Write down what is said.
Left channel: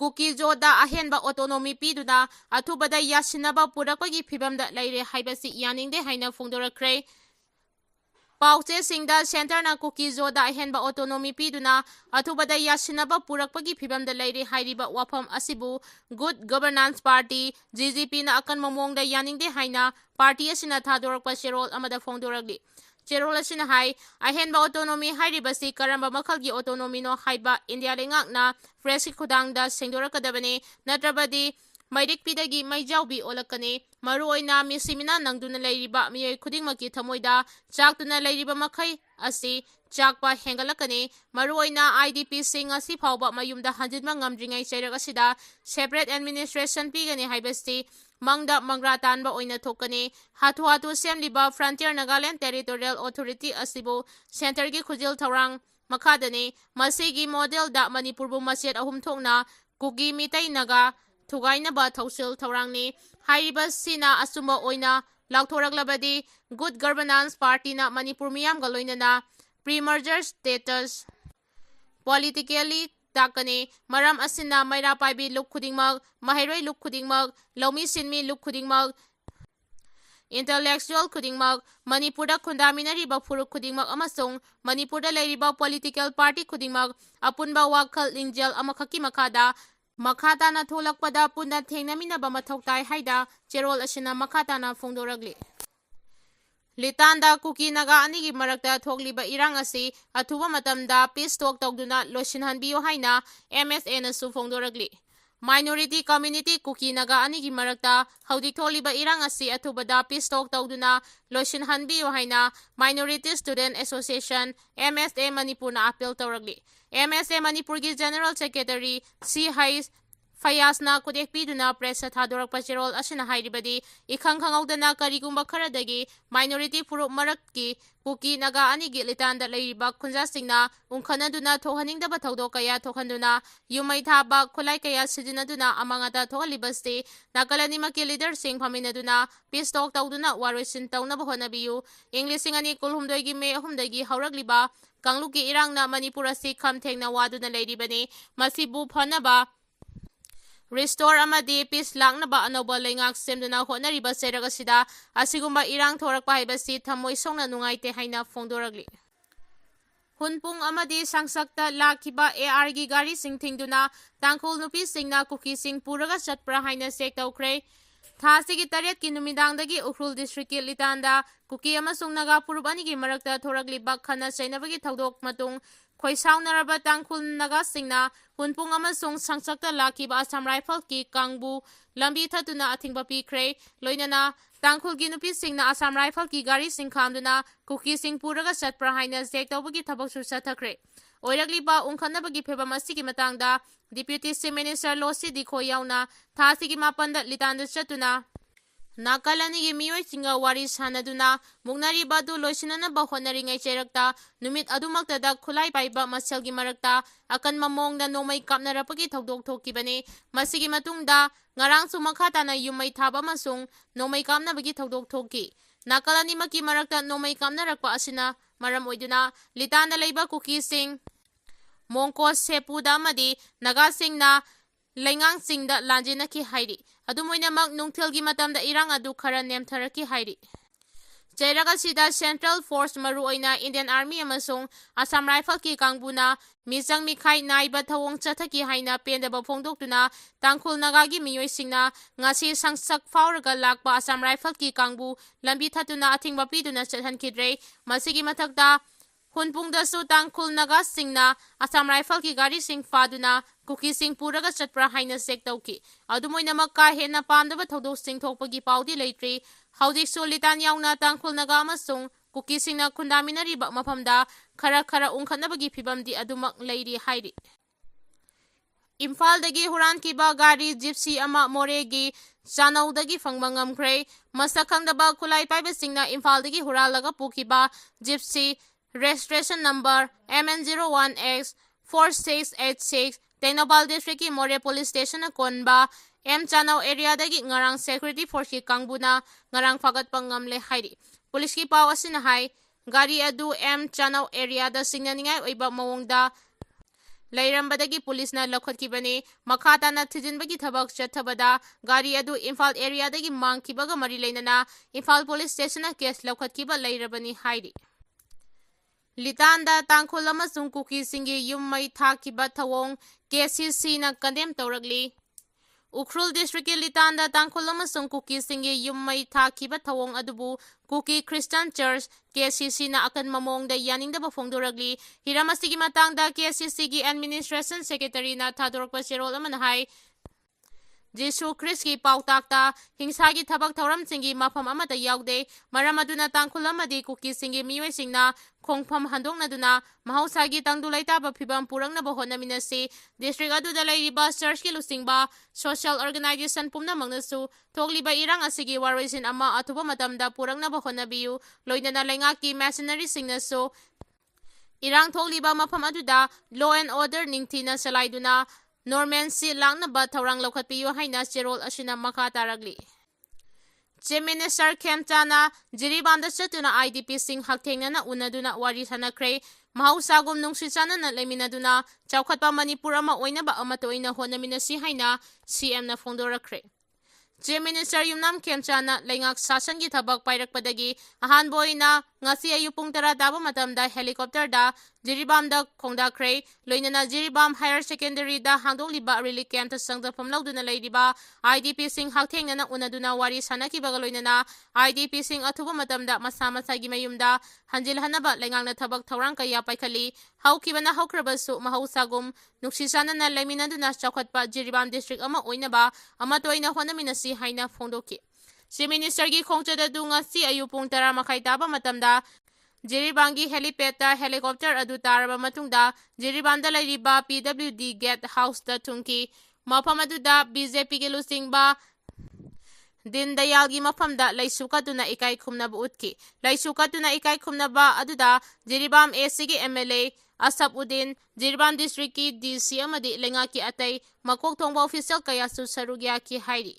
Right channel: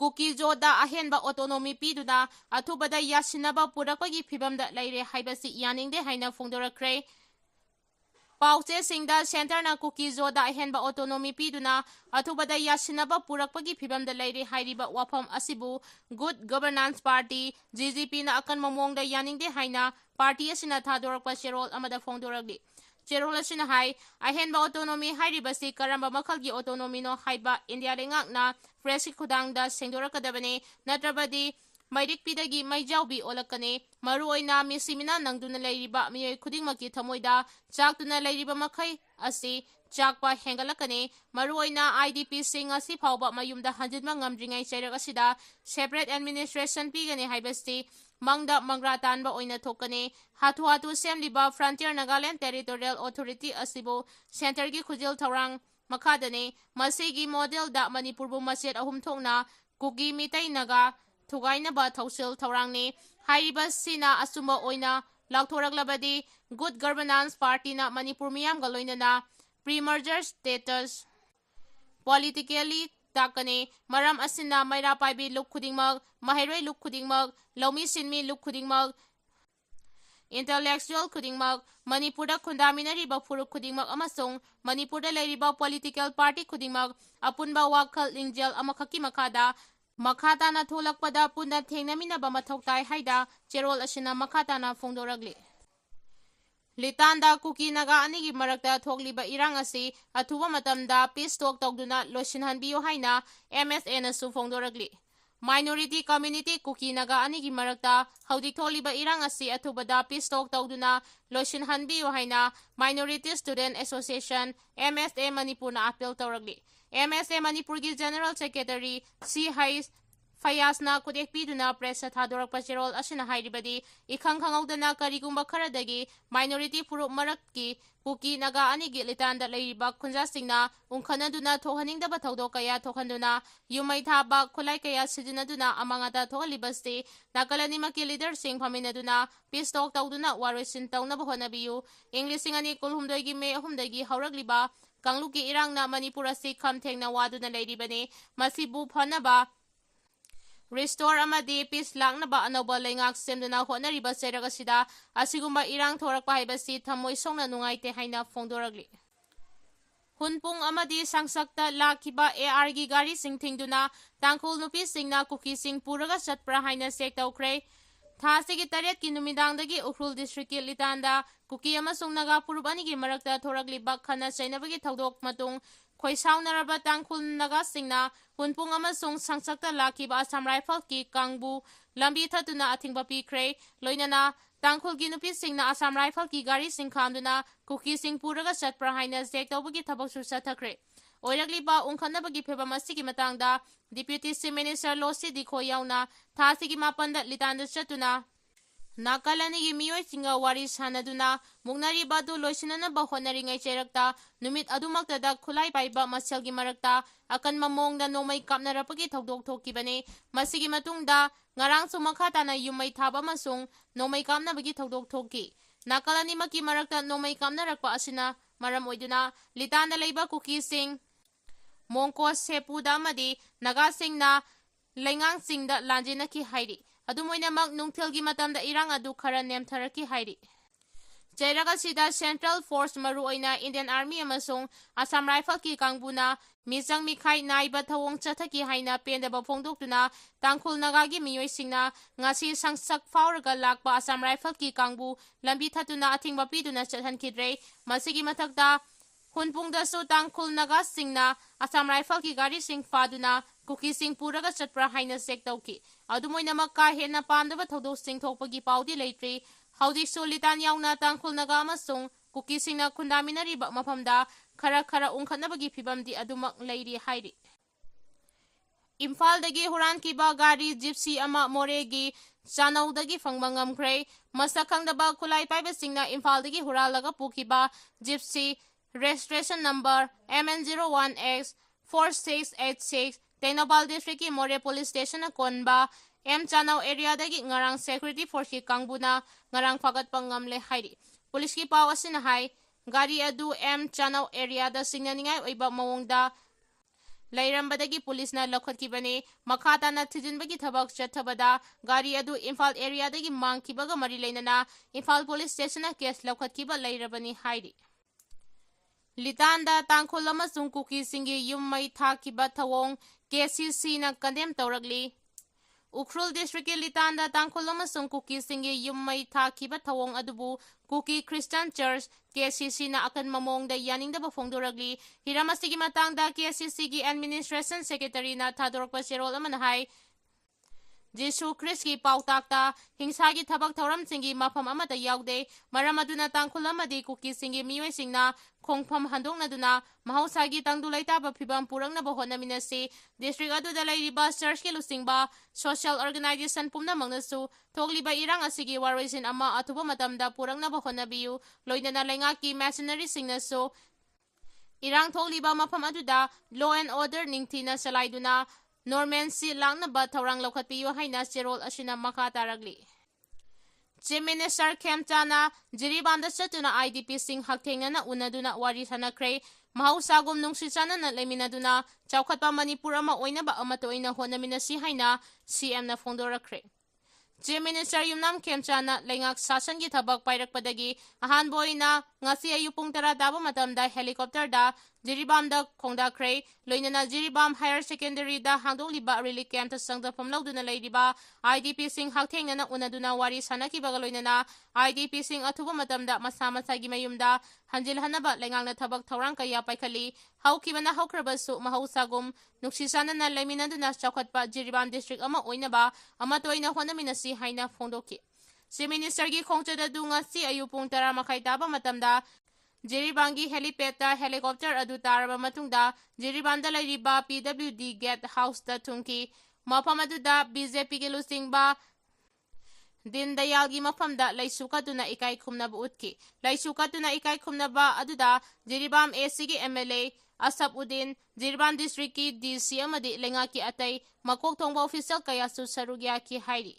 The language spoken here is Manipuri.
Kuki Joda ahenba autonomy piduna athubada yasinaba purakpagi phibamda leire haibasi yaningde haina phongdorakre. Pauche singda center na Kuki Joda ahenba autonomy piduna athubada yasinaba purakpagi phibamda leire hairiba wafam asibu Good Governance Party GGP na akan mamongda yaningde haina party asina thadorakpa cherol amada phongdorakli. Cherol asina hai ahenba autonomy hairibasi karamba makhalgi autonomy no haiba India lengakna fresh khudangda sengdorakadabane natrabadi Maidik pidagi maijaubi olakane maruoina misimina nangduna leiriba miyoi khudingmaki thamoida chakduna leiriba makhai asi chakpa hengalakane maruoina IDP sing asi phawba mayumda hanjinma ngamdringai chairak asida separate administration pigane haibasti mangda mangra tanba oina thokane hatu semliba Frontier Nagaland Territorial Authority asibo center gi khujil thorang makhadane masigi model da Manipur bu maset ahum thokna Kuki Meitei Naga Thugainaba Thausil Thorangni Hairiba Sina Asuma Oina Lauthoraklabadi Good Governance Party na Manipur miyam galoinana pre-merger status politically takane maram asina maira paibi luk khudingmag mahairoi luk khudingmag lomi sinmi luk khudingmag intellectual khudingmag Manipurda khundaminari ba furuk khudingmag amasung Manipurda leiriba political party khudingmag apunba wakhal lingjal amakhaki makhada makhata na tholakpada punna thengnaminaba mathau tai haida cherol asina makhata na phongdoragli. Litanda Kuki Naga anigi marakta thokliba irang asi athuba matamda peace talk tawduna losinhanbiyo haina MSA na su phongdoragli. Minority community Kuki Naga anigi marakta haudik tholiba irang asi athubada peace talk tawduna losinhanbiyo haina Minority Student Association MSA Manipur na appeal tawragli. MSA Manipur gi General Secretary C. Hais Fayasna kudek piduna press thadorak pacherol asina hairibadi ikhang khangawdana karigumba kharadagi minority purup marakki Kuki Naga anigi litanda leiriba khunja singna ungkhanaduna thohaningdaba thaudok kaya thokhanduna yumai thaba khulai kaya sijinaduna amangata thohalibasti nagalanimaki leader sing phaminaduna peace talk tawduna waroisin tawnaba honabiyu Englishing ani kulhumdoi me ahumdagi hauragliba Kangluki irangna Manipur asi khamthengna waduna leiribani masibu phanaba restore amadi peace langnaba anoba lengak semduna honariba seragasida asigumba irang thorakpa haibasi thamoi songna nungaite haina phongdoragli. Hunpung amadi sangsakta lakiba AR gi gari sing thingduna tangkhul nupi singna Kuki sing puraga chatpra haina sek tawkre. Thasigi taret ki numidangdagi Ukhrul district ki litanda Kuki amasung Naga purup anigi marakta thoragliba khana chainabagi thaudok matung khoisaunaraba tangkhul Naga singna hunpung amasung sangsakta lakiba Assam Rifle ki kangbu lambi thatuna athingba pikre loinana tangkhul gi nupi singna Assam Rifle ki gari sing khamduna Kuki sing puraga chatpra haina sek tawbagi thabak su sathakre. Oiragliba ungkhanabagi phebam asigi matangda Deputy Chief Minister Losi Dikho yauna thasigi mapanda litanda chatuna Nagalanigi miyoi singa wari sanaduna mugnari badu loisinana ba honaringai cherakta numit adumakta da khulai paiba maselgi marakta akan mamongda Nongmei Kapnaba thaudok thokibane masigi matungda ngarang sumakhata na yumai thaba masung Nongmei Kapnabagi thaudok thoki Nagalani maki marakta Nongmei Kapnarakpa asina maram oiduna litanda leiba Kuki sing Mongko sepuda amadi Naga singna lengang singda lanjinaki hairi adumoinamak nungthilgi matamda irang adu khara nemtharaki hairi Jairagasida Central Force maruoina Indian Army amasung Assam Rifle ki kangbuna misang mikhai naiba thawong chathaki haina pendaba phongdoktuna tangkhul Nagagi miyoi singna ngasi sangsak fauraga lakpa Assam Rifle ki kangbu lambi thatuna athingba piduna chathankidre masigi mathakta hunpungda su tangkhul Naga singna Assam Rifle ki gari sing faduna Kuki sing puraga chatpra haina sek tawki adumoinamak ka hena pamdaba thodok sing thokpagi paudi leitre haudi solitan yauna tangkhul Naga amasung Kuki singna khundaminariba mafamda khara ungkhanabagi phibamdi adumak leiri hairi Imphal dagi huran kiba gari gypsy ama moregi chanaudagi phangba ngamkhre masakhangdaba khulai paiba singna Imphal dagi huralaga pukiba gypsy registration number MN01X 4686 Tenobal District ki More Police Station na konba M Chanau area dagi ngarang security force ki kangbuna ngarang fagat pangamle hairi police ki pawasin hai gari adu M Chanau area da singnaningai oiba mawongda ꯂꯩꯔꯝꯕꯗꯒꯤ ꯄꯨꯂꯤꯁꯅ ꯂꯧꯈꯠꯈꯤꯕꯅꯤ꯫ ꯃꯈꯥ ꯇꯥꯅ ꯊꯤꯖꯤꯟꯕꯒꯤ ꯊꯕꯛ ꯆꯠꯊꯕꯗ ꯒꯥꯔꯤ ꯑꯗꯨ ꯏꯝꯐꯥꯜ ꯑꯦꯔꯤꯌꯥꯗꯒꯤ ꯃꯥꯡꯈꯤꯕꯒ ꯃꯔꯤ ꯂꯩꯅꯅ ꯏꯝꯐꯥꯜ ꯄꯨꯂꯤꯁ ꯁ꯭ꯇꯦꯁꯟꯅ ꯀꯦꯁ ꯂꯧꯈꯠꯈꯤꯕ ꯂꯩꯔꯕꯅꯤ ꯍꯥꯏꯔꯤ꯫ ꯂꯤꯇꯥꯟꯗ ꯇꯥꯡꯈꯨꯜ ꯑꯃꯁꯨꯡ ꯀꯨꯀꯤꯁꯤꯡꯒꯤ ꯌꯨꯝ ꯃꯩ ꯊꯥꯈꯤꯕ ꯊꯧꯑꯣꯡ KCCꯅ ꯀꯟꯗꯦꯝ ꯇꯧꯔꯛꯂꯤ꯫ ꯎꯈ꯭ꯔꯨꯜ ꯗꯤꯁꯇ꯭ꯔꯤꯛꯀꯤ ꯂꯤꯇꯥꯟꯗ ꯇꯥꯡꯈꯨꯜ ꯑꯃꯁꯨꯡ ꯀꯨꯀꯤꯁꯤꯡꯒꯤ ꯌꯨꯝ ꯃꯩ ꯊꯥꯈꯤꯕ ꯊꯧꯑꯣꯡ ꯑꯗꯨꯕꯨ ꯀꯨꯀꯤ ꯈ꯭ꯔꯤꯁꯇ꯭ꯌꯥꯟ ꯆꯔꯆ KCCꯅ ꯑꯀꯟꯕ ꯃꯑꯣꯡꯗ ꯌꯥꯅꯤꯡꯗꯕ ꯐꯣꯡꯗꯣꯔꯛꯂꯤ꯫ ꯍꯤꯔꯝ ꯑꯁꯤꯒꯤ ꯃꯇꯥꯡꯗ KCCꯒꯤ ꯑꯦꯗꯃꯤꯅꯤꯁꯇ꯭ꯔꯦꯁꯟ ꯁꯦꯀ꯭ꯔꯦꯇꯔꯤꯅ ꯊꯥꯗꯣꯔꯛꯄ ꯆꯦꯔꯣꯜ ꯑꯃꯅ ꯍꯥꯏ ꯖꯤꯁꯨ ꯈ꯭ꯔꯤꯁꯀꯤ ꯄꯥꯎꯇꯥꯛꯇ ꯍꯤꯡꯁꯥꯒꯤ ꯊꯕꯛ ꯊꯧꯔꯝꯁꯤꯡꯒꯤ ꯃꯐꯝ ꯑꯃꯠꯇ ꯌꯥꯎꯗꯦ꯫ ꯃꯔꯝ ꯑꯗꯨꯅ ꯇꯥꯡꯈꯨꯜ ꯑꯃꯗꯤ ꯀꯨꯀꯤꯁꯤꯡꯒꯤ ꯃꯤꯑꯣꯏꯁꯤꯡꯅ ꯈꯣꯡꯐꯝ ꯍꯟꯗꯣꯛꯅꯗꯨꯅ ꯃꯍꯧꯁꯥꯒꯤ ꯇꯪꯗꯨ ꯂꯩꯇꯥꯕ ꯐꯤꯚꯝ ꯄꯨꯔꯛꯅꯕ ꯍꯣꯠꯅꯃꯤꯟꯅꯁꯤ꯫ ꯗꯤꯁꯇ꯭ꯔꯤꯛ ꯑꯗꯨꯗ ꯂꯩꯔꯤꯕ ꯆꯔꯆꯀꯤ ꯂꯨꯆꯤꯡꯕ ꯁꯣꯁꯤꯌꯦꯜ ꯑꯣꯔꯒꯅꯥꯏꯖꯦꯁꯟ ꯄꯨꯝꯅꯃꯛꯅꯁꯨ ꯊꯣꯛꯂꯤꯕ ꯏꯔꯥꯡ ꯑꯁꯤꯒꯤ ꯋꯥꯔꯣꯏꯁꯤꯟ ꯑꯃ ꯑꯊꯨꯕ ꯃꯇꯝꯗ ꯄꯨꯔꯛꯅꯕ ꯍꯣꯠꯅꯕꯤꯌꯨ꯫ ꯂꯣꯏꯅꯅ ꯂꯩꯉꯥꯛꯀꯤ ꯃꯦꯁꯅꯔꯤꯁꯤꯡꯅꯁꯨ ꯏꯔꯥꯡ ꯊꯣꯛꯂꯤꯕ ꯃꯐꯝ ꯑꯗꯨꯗ ꯂꯣ ꯑꯦꯟ ꯑꯣꯔꯗꯔ ꯅꯤꯡꯊꯤꯅ ꯆꯂꯥꯏꯗꯨꯅ ꯅꯣꯔꯃꯦꯟꯁꯤ ꯂꯥꯛꯅꯕ ꯊꯧꯔꯥꯡ ꯂꯧꯈꯠꯄꯤꯌꯨ ꯍꯥꯏꯅ ꯆꯦꯔꯣꯜ ꯑꯁꯤꯅ ꯃꯈꯥ ꯇꯥꯔꯛꯂꯤ꯫ ꯆꯤꯐ ꯃꯤꯅꯤꯁꯇꯔ ꯈꯦꯝꯆꯥꯅ ꯖꯤꯔꯤꯕꯥꯝꯗ ꯆꯠꯇꯨꯅ IDPꯁꯤꯡ ꯍꯛꯊꯦꯡꯅꯅ ꯎꯅꯗꯨꯅ ꯋꯥꯔꯤ ꯁꯥꯅꯈ꯭ꯔꯦ꯫ ꯃꯍꯧꯁꯥꯒꯨꯝ ꯅꯨꯡꯁꯤ ꯆꯥꯟꯅꯅ ꯂꯩꯃꯤꯟꯅꯗꯨꯅ ꯆꯥꯎꯈꯠꯄ ꯃꯅꯤꯄꯨꯔ ꯑꯃ ꯑꯣꯏꯅꯕ ꯑꯃꯠꯇ ꯑꯣꯏꯅ ꯍꯣꯠꯅꯃꯤꯟꯅꯁꯤ ꯍꯥꯏꯅ CMꯅ ꯐꯣꯡꯗꯣꯔꯛꯈ꯭ꯔꯦ꯫ ꯆꯤꯐ ꯃꯤꯅꯤꯁꯇꯔ ꯌꯨꯝꯅꯥꯝ ꯈꯦꯝꯆꯥꯅ ꯂꯩꯉꯥꯛ ꯁꯥꯁꯟꯒꯤ ꯊꯕꯛ ꯄꯥꯏꯔꯛꯄꯗꯒꯤ ꯑꯍꯥꯟꯕ ꯑꯣꯏꯅ ꯉꯁꯤ ꯑꯌꯨꯛ ꯄꯨꯡ 10 ꯇꯥꯕ ꯃꯇꯝꯗ ꯍꯦꯂꯤꯀꯣꯞꯇꯔꯗ ꯖꯤꯔꯤꯕꯥꯝꯗ ꯈꯣꯡꯗꯥꯈ꯭ꯔꯦ꯫ ꯂꯣꯏꯅꯅ ꯖꯤꯔꯤꯕꯥꯝ ꯍꯥꯌꯔ ꯁꯦꯀꯦꯟꯗꯔꯤꯗ ꯍꯥꯡꯗꯣꯛꯂꯤꯕ ꯔꯤꯂꯤꯐ ꯀꯦꯝꯞꯇ ꯆꯪꯖꯐꯝ ꯂꯧꯗꯨꯅ ꯂꯩꯔꯤꯕ IDPꯁꯤꯡ ꯍꯛꯊꯦꯡꯅꯅ ꯎꯅꯗꯨꯅ ꯋꯥꯔꯤ ꯁꯥꯅꯈꯤꯕꯒ ꯂꯣꯏꯅꯅ IDPꯁꯤꯡ ꯑꯊꯨꯕ ꯃꯇꯝꯗ ꯃꯁꯥ ꯃꯁꯥꯒꯤ ꯃꯌꯨꯝꯗ ꯍꯟꯖꯤꯜꯍꯟꯅꯕ ꯂꯩꯉꯥꯛꯅ ꯊꯕꯛ ꯊꯧꯔꯥꯡ ꯀꯌꯥ ꯄꯥꯏꯈꯠꯂꯤ꯫ ꯍꯧꯈꯤꯕꯅ ꯍꯧꯈ꯭ꯔꯕꯁꯨ ꯃꯍꯧꯁꯥꯒꯨꯝ ꯅꯨꯡꯁꯤ ꯆꯥꯟꯅꯅ ꯂꯩꯃꯤꯟꯅꯗꯨꯅ ꯆꯥꯎꯈꯠꯄ ꯖꯤꯔꯤꯕꯥꯝ ꯗꯤꯁꯇ꯭ꯔꯤꯛ ꯑꯃ ꯑꯣꯏꯅꯕ ꯑꯃꯠꯇ ꯑꯣꯏꯅ ꯍꯣꯠꯅꯃꯤꯟꯅꯁꯤ ꯍꯥꯏꯅ ꯐꯣꯡꯗꯣꯛꯈꯤ꯫ ꯆꯤꯐ ꯃꯤꯅꯤꯁꯇꯔꯒꯤ ꯈꯣꯡꯆꯠ ꯑꯗꯨ ꯉꯁꯤ ꯑꯌꯨꯛ ꯄꯨꯡ 10:30 ꯇꯥꯕ ꯃꯇꯝꯗ ꯖꯤꯔꯤꯕꯥꯝꯒꯤ ꯍꯦꯂꯤꯄꯦꯗꯇ ꯍꯦꯂꯤꯀꯣꯞꯇꯔ ꯑꯗꯨ ꯇꯥꯔꯕ ꯃꯇꯨꯡꯗ ꯖꯤꯔꯤꯕꯥꯝꯗ ꯂꯩꯔꯤꯕ PWD ꯒꯦꯠ ꯍꯥꯎꯁꯇ ꯊꯨꯡꯈꯤ꯫ ꯃꯐꯝ ꯑꯗꯨꯗ BJPꯒꯤ ꯂꯨꯆꯤꯡꯕ ꯗꯤꯟ ꯗꯌꯥꯜꯒꯤ ꯃꯐꯝꯗ ꯂꯩꯁꯨ ꯀꯠꯇꯨꯅ ꯏꯀꯥꯏ ꯈꯨꯝꯅꯕ ꯎꯠꯈꯤ꯫ ꯂꯩꯁꯨ ꯀꯠꯇꯨꯅ ꯏꯀꯥꯏ ꯈꯨꯝꯅꯕ ꯑꯗꯨꯗ ꯖꯤꯔꯤꯕꯥꯝ ACꯒꯤ MLA ꯑꯁꯐꯎꯗꯤꯟ, ꯖꯤꯔꯤꯕꯥꯝ ꯗꯤꯁꯇ꯭ꯔꯤꯛꯀꯤ DC ꯑꯃꯗꯤ ꯂꯩꯉꯥꯛꯀꯤ ꯑꯇꯩ ꯃꯀꯣꯛ ꯊꯣꯡꯕ ꯑꯣꯐꯤꯁꯤꯌꯦꯜ ꯀꯌꯥꯁꯨ ꯁꯔꯨꯛ ꯌꯥꯈꯤ ꯍꯥꯏꯔꯤ꯫